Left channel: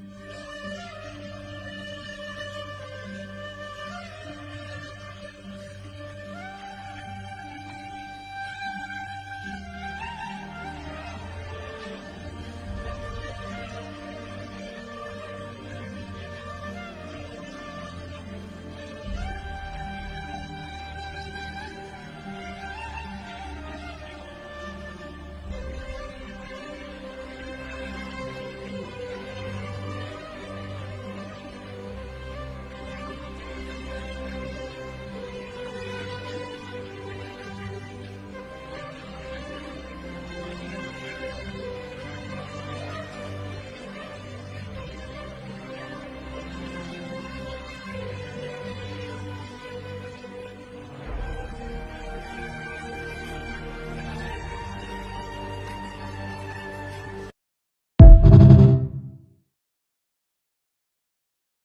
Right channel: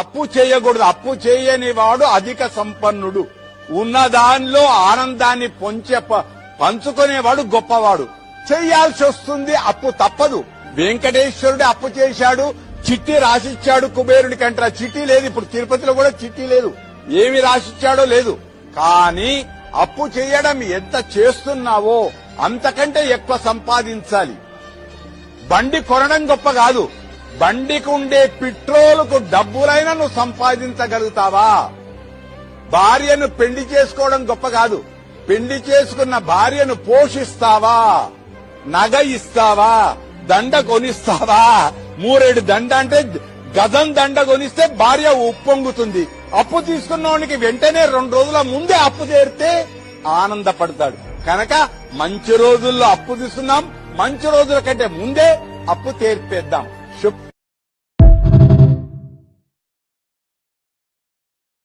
అప్పు చేయకూడదు. అప్పు చేయని వాడు అధిక సంపన్నుడు. ఉన్న దానిలో ఆనందాన్ని పంచుకునేవాడు గొప్పవాడు. చెయ్యాల్సి వస్తుంది, అప్పు తప్పదు. వెంకటేశ్వరుడు అప్పు చేశాడు, చిట్టి రాసిచ్చాడు కుబేరుడికి అంటారా. చిట్టి లేదు, ఇప్పుడు తిరుపతిలో కూడా చిట్టి లేదు, ఏమి రాసిచ్చాడో లేదు. కానీ అప్పు చేయడం ఎంత చేస్తున్నావో అంతకంటే ఎక్కువ సంపాదించాలి. బండి కొనడం గొప్ప కాదు, బండికి ఉండే పెట్రోలుకు డబ్బులైనా నువ్వు సంపాదించగలుగుతావా? భార్యను పెళ్లి చేసుకోవడం గొప్ప కాదు, పెళ్లి చేసుకున్న భార్యను పోషిస్తావా? నగ ఇస్తావా? దండ కొనిస్తావా? మూరేడు దండ అంటే గజం దండ కొనిస్తే భార్య ఉప్పొంగుతుంది. అప్పు తీసుకున్నవానికి వెంటనే 2 రోజుల ముందే అప్పు తీరితే ఆనందపడతాడు. కనుక మంచి రోజుల్లో అప్పు తీసుకున్నాం, మంచి రోజుల కంటే ముందే అప్పు తీర్పేద్దాం. శుభ